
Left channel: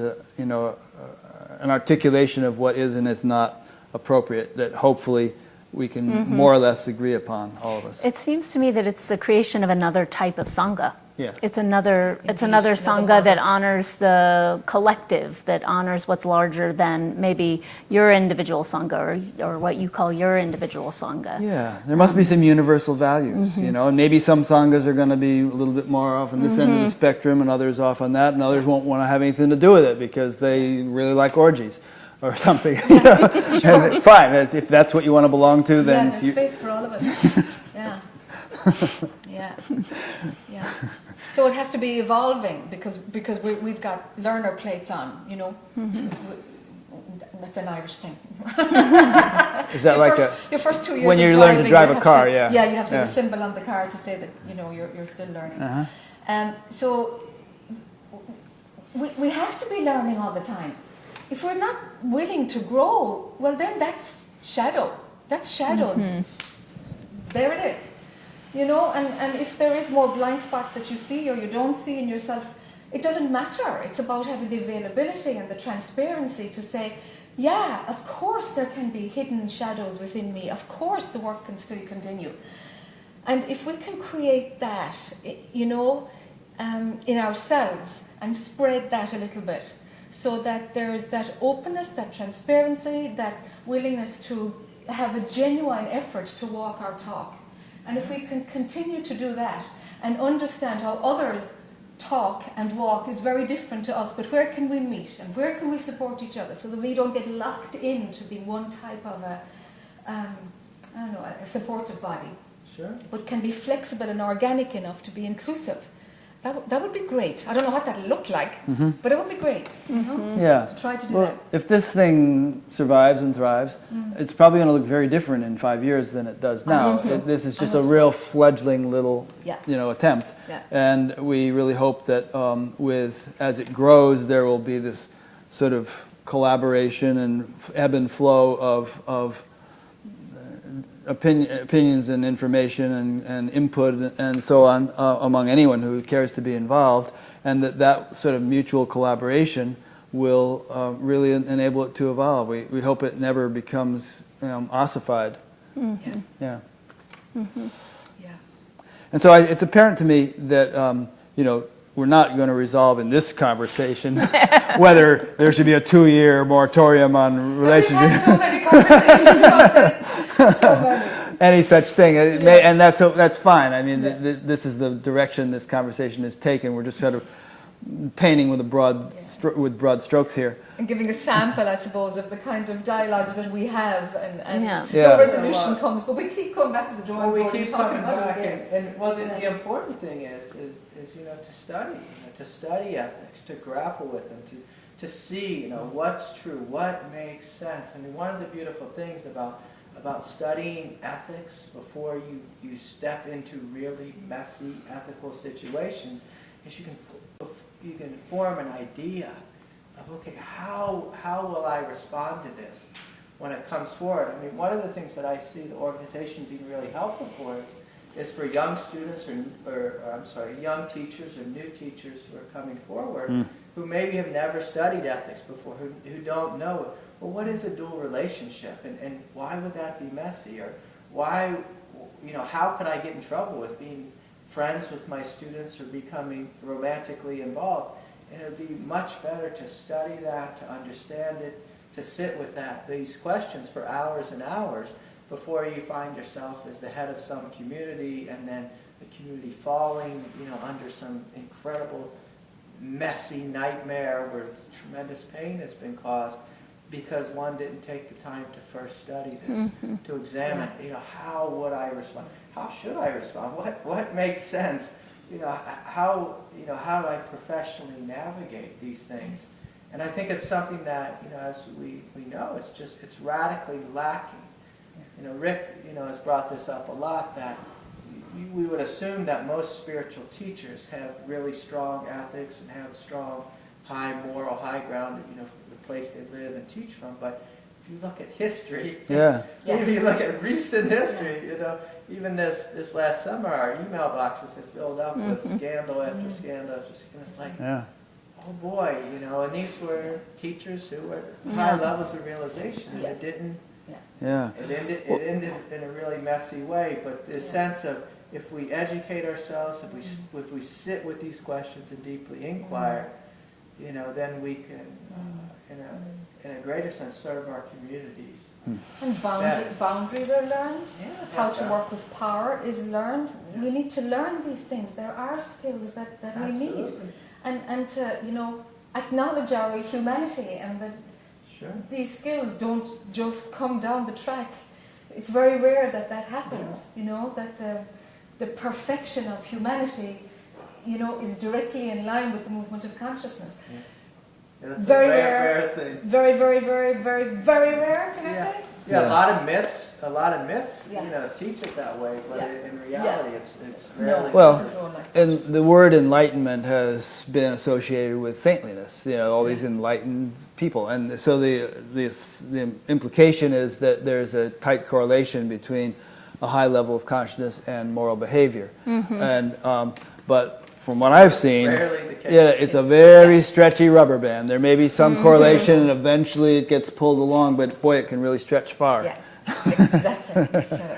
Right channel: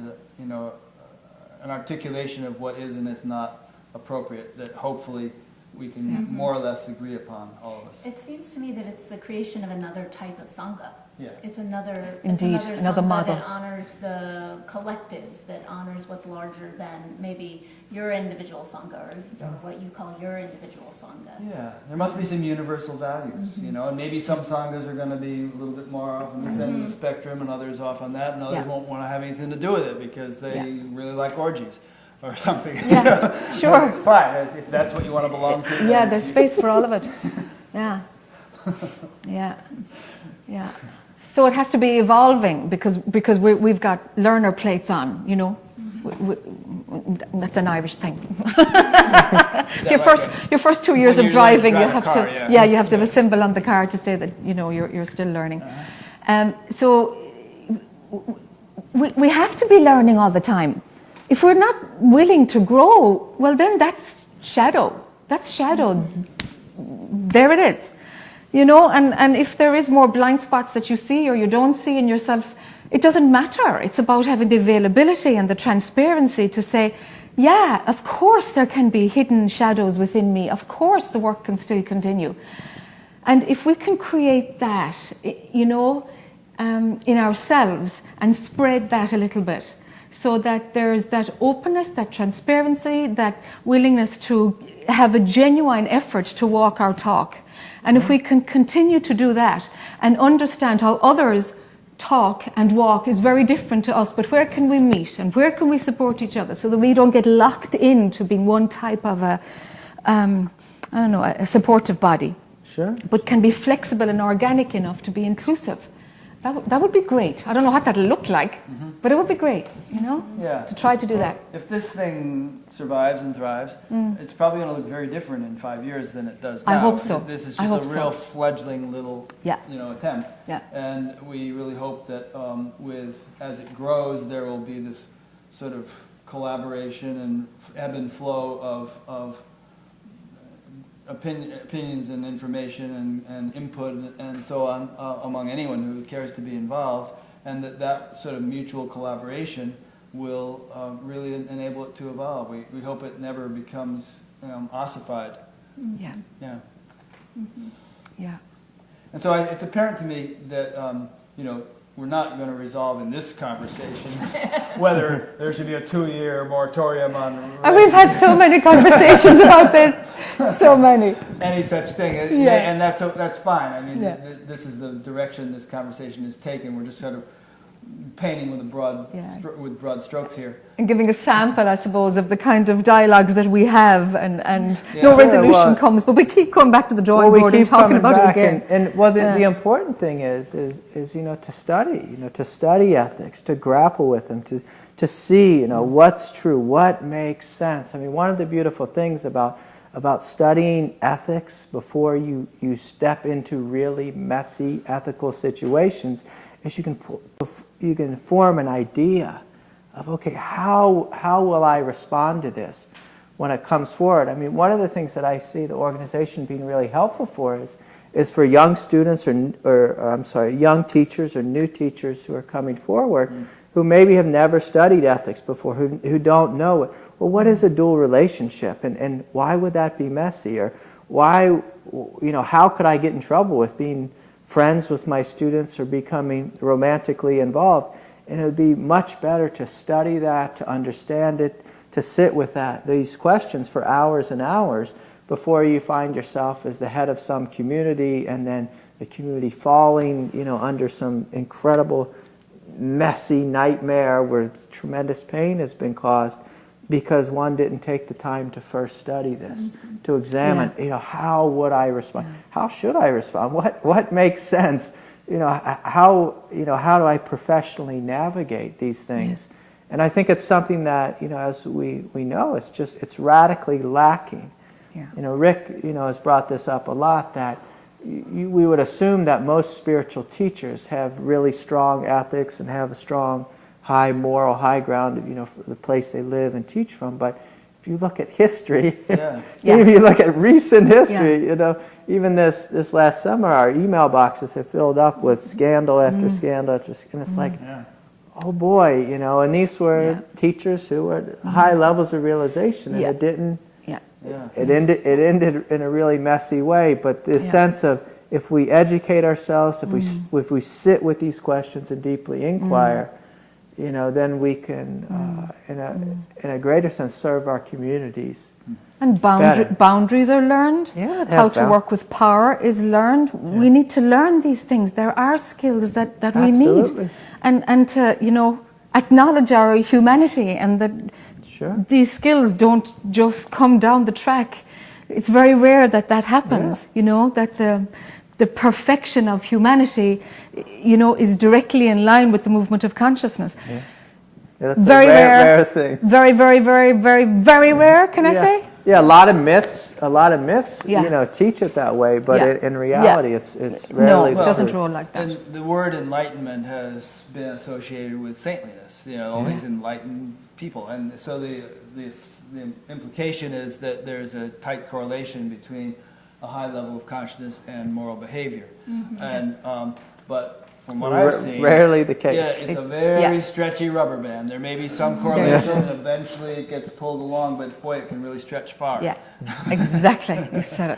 articulation of what is and is not appropriate that hopefully we can more or less agree upon, all of us. It seems to me that it's the creation of another type of sangha. Yeah. It's another Indeed, another another sangha that model. honors the collective, that honors what's larger than maybe your individual sangha or what you call your individual sangha. Yeah, there must be some universal values, and maybe some sanghas are going to be a little bit more off on this end of the spectrum and others off on that, and others won't want to have anything to do with it because they really like orgies or something. Sure. Fine, if that's what you want to belong to, then Yeah, it's there's you. space for all of it. Yeah. Yeah. Yeah. So it has to be evolving because we've got learner plates on, that's an Irish thing. Is that Your first 2 years when of you're learning to driving, drive you a have car, to yeah. you have to have Yeah. a symbol on the car to say that you're still learning. So we have to be learning all the time. If we're not willing to grow, well then that's shadow. That's shadow. There it is. And if there is more blind spots that you see or you don't see in yourself, it doesn't matter. It's about having the availability and the transparency to say, yeah, of course there can be hidden shadows within me. Of course the work can still continue. And if we can create that, in ourselves and spread that a little bit so that there's that openness, that transparency, that willingness to have a genuine effort to walk our talk. And if we can continue to do that and understand how others talk and walk is very different to us, but where can we meet and where can we support each other so that we don't get locked into being one type of a supportive body, Sure. but can be flexible and organic enough to be inclusive. That would be great. I don't know what that'll look like, but it would be great, Yeah. to try to do that. If this thing survives and thrives, it's probably going to look very different in 5 years than it does now. I hope so. This is I just a hope real so. fledgling little, Yeah. attempt. Yeah. And we really hope that as it grows, there will be this sort of collaboration and ebb and flow of opinions and information and input and so on among anyone who cares to be involved, and that sort of mutual collaboration will really enable it to evolve. We hope it never becomes ossified. Yeah. Yeah. Yeah. And so it's apparent to me that we're not going to resolve in this conversation whether there should be a 2-year moratorium on And we've relationships. had so many conversations about this. So many. Any such thing, Yeah. and that's fine. I mean, Yeah. this is the direction this conversation is taken. We're just sort of painting with with broad strokes here. And giving a sample, I suppose, of the kind of dialogues that we have, and Yeah. no Yeah, resolution well- comes, but we keep coming back to the drawing we board and keep talking coming about back, it again. And the important thing is to study ethics, to grapple with them, to see what's true, what makes sense. I mean, one of the beautiful things about studying ethics before you step into really messy ethical situations is you can form an idea of, okay, how will I respond to this when it comes forward? I mean, one of the things that I see the organization being really helpful for is for young students or young teachers or new teachers who are coming forward who maybe have never studied ethics before, who don't know it. Well, what is a dual relationship, and why would that be messy? Or why, how could I get in trouble with being friends with my students or becoming romantically involved? And it would be much better to study that, to understand it, to sit with these questions for hours and hours before you find yourself as the head of some community and then the community falling, under some incredible messy nightmare where tremendous pain has been caused. because one didn't take the time to first study this, to examine, how would I respond? How should I respond? What makes sense? How do I professionally navigate these things? Yes. And I think it's something that, as we know, it's radically lacking. Yeah. Rick, has brought this up a lot, that we would assume that most spiritual teachers have really strong ethics and have a strong, high moral high ground, for the place they live and teach from. But if you look at history, if you look at recent history, even this last summer, our email boxes have filled up with scandal after scandal after scandal. And it's like, oh boy, and these were teachers who were at high levels of realization, and it didn't. It ended in a really messy way. But this sense of, if we educate ourselves, if we sit with these questions and deeply inquire, then we can, in a greater sense, serve our communities. And boundaries are learned. How to work with power is learned. We need to learn these things. There are skills that we need. And to, acknowledge our humanity, and that these skills don't just come down the track. It's very rare that happens, that the perfection of humanity, is directly in line with the movement of consciousness. That's very a rare thing. Very, very, very, very, very rare, can I say? Yeah, a lot of myths, teach it that way, but in reality, it's rarely. No, it doesn't roll like that. And the word enlightenment has been associated with saintliness, all these enlightened people. And so the implication is that there's a tight correlation between a high level of consciousness and moral behavior. And but from what I've seen, rarely the case. Yeah, it's a very stretchy rubber band. There may be some correlation, and eventually it gets pulled along, but boy, it can really stretch far. Yeah, exactly. You said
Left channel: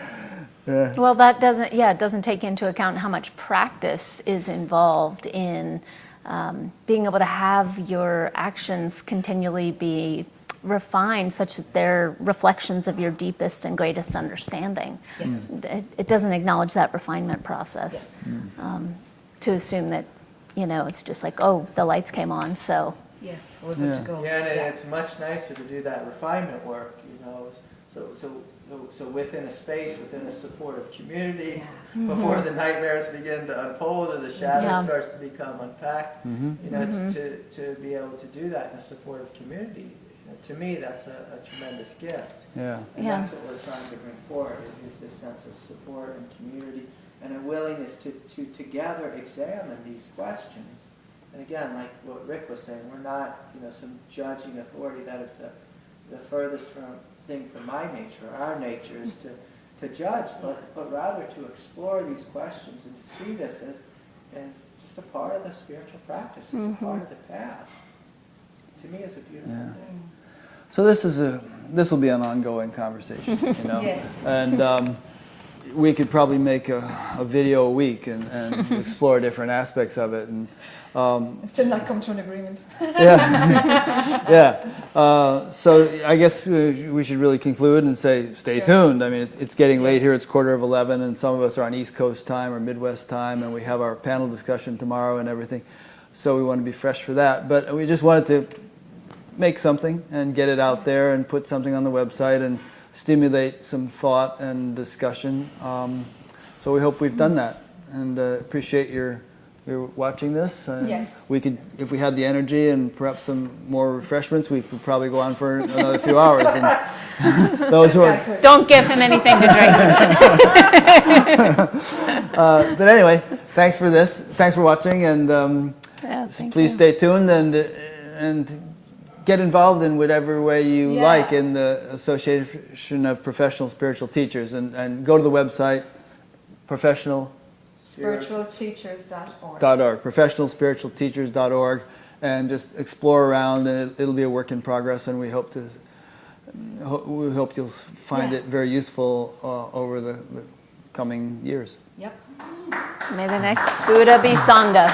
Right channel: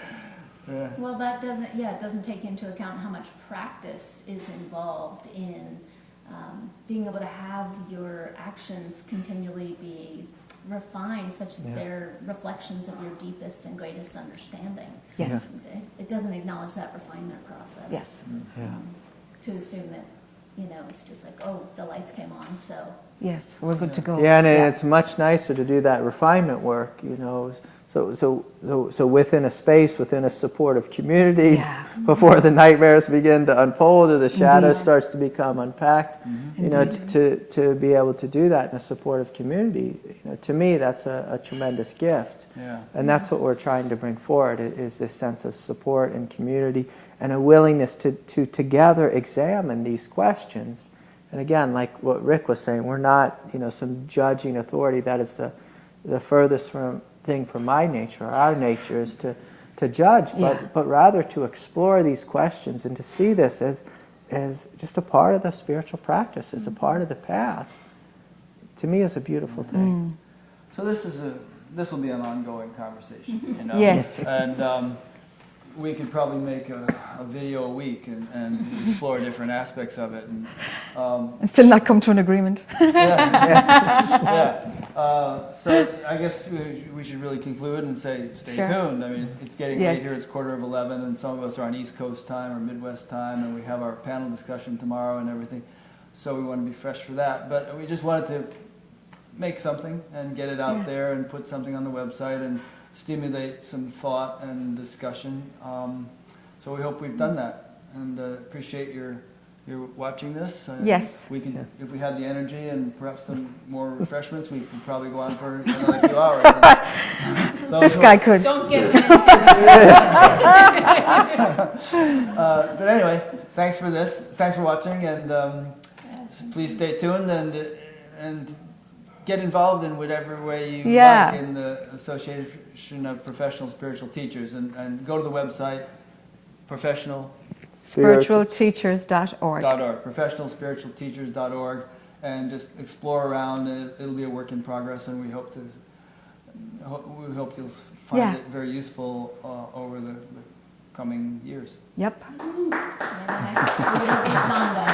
it. Well, that doesn't take into account how much practice is involved in being able to have your actions continually be refined, such that they're reflections of your deepest and greatest understanding. Yes. It doesn't acknowledge that refinement process. To assume that, it's just like, oh, the lights came on, so. Yes, we're good to go. Yeah, and it's much nicer to do that refinement work, So within a space, within a supportive community, before the nightmares begin to unfold or the shadow starts to become unpacked, to be able to do that in a supportive community, to me, that's a tremendous gift. And that's what we're trying to bring forward, is this sense of support and community, and a willingness to together examine these questions. And again, like what Rick was saying, we're not, some judging authority. That is the furthest thing from my nature, or our nature, is to judge, but rather to explore these questions and to see this as just a part of the spiritual practice, as a part of the path. To me, is a beautiful thing. So this will be an ongoing conversation. Yes. And we could probably make a video a week and explore different aspects of it. And still not come to an agreement. So I guess we should really conclude and say, stay tuned. I mean, it's getting late here. It's 11:15, and some of us are on East Coast time or Midwest time, and we have our panel discussion tomorrow and everything. So we want to be fresh for that. But we just wanted to make something and get it out there and put something on the website and stimulate some thought and discussion. So we hope we've done that, and appreciate your watching this. Yes. We could, if we had the energy and perhaps some more refreshments, we could probably go on for another few hours. This guy could. Don't give him anything to drink. But anyway, thanks for this. Thanks for watching, and please stay tuned and get involved in whatever way you like in the Association of Professional Spiritual Teachers, and go to the website, spiritualteachers.org. professionalspiritualteachers.org, and just explore around, and it'll be a work in progress, and we hope you'll find it very useful over the coming years. Yep. May the next Buddha be Sangha.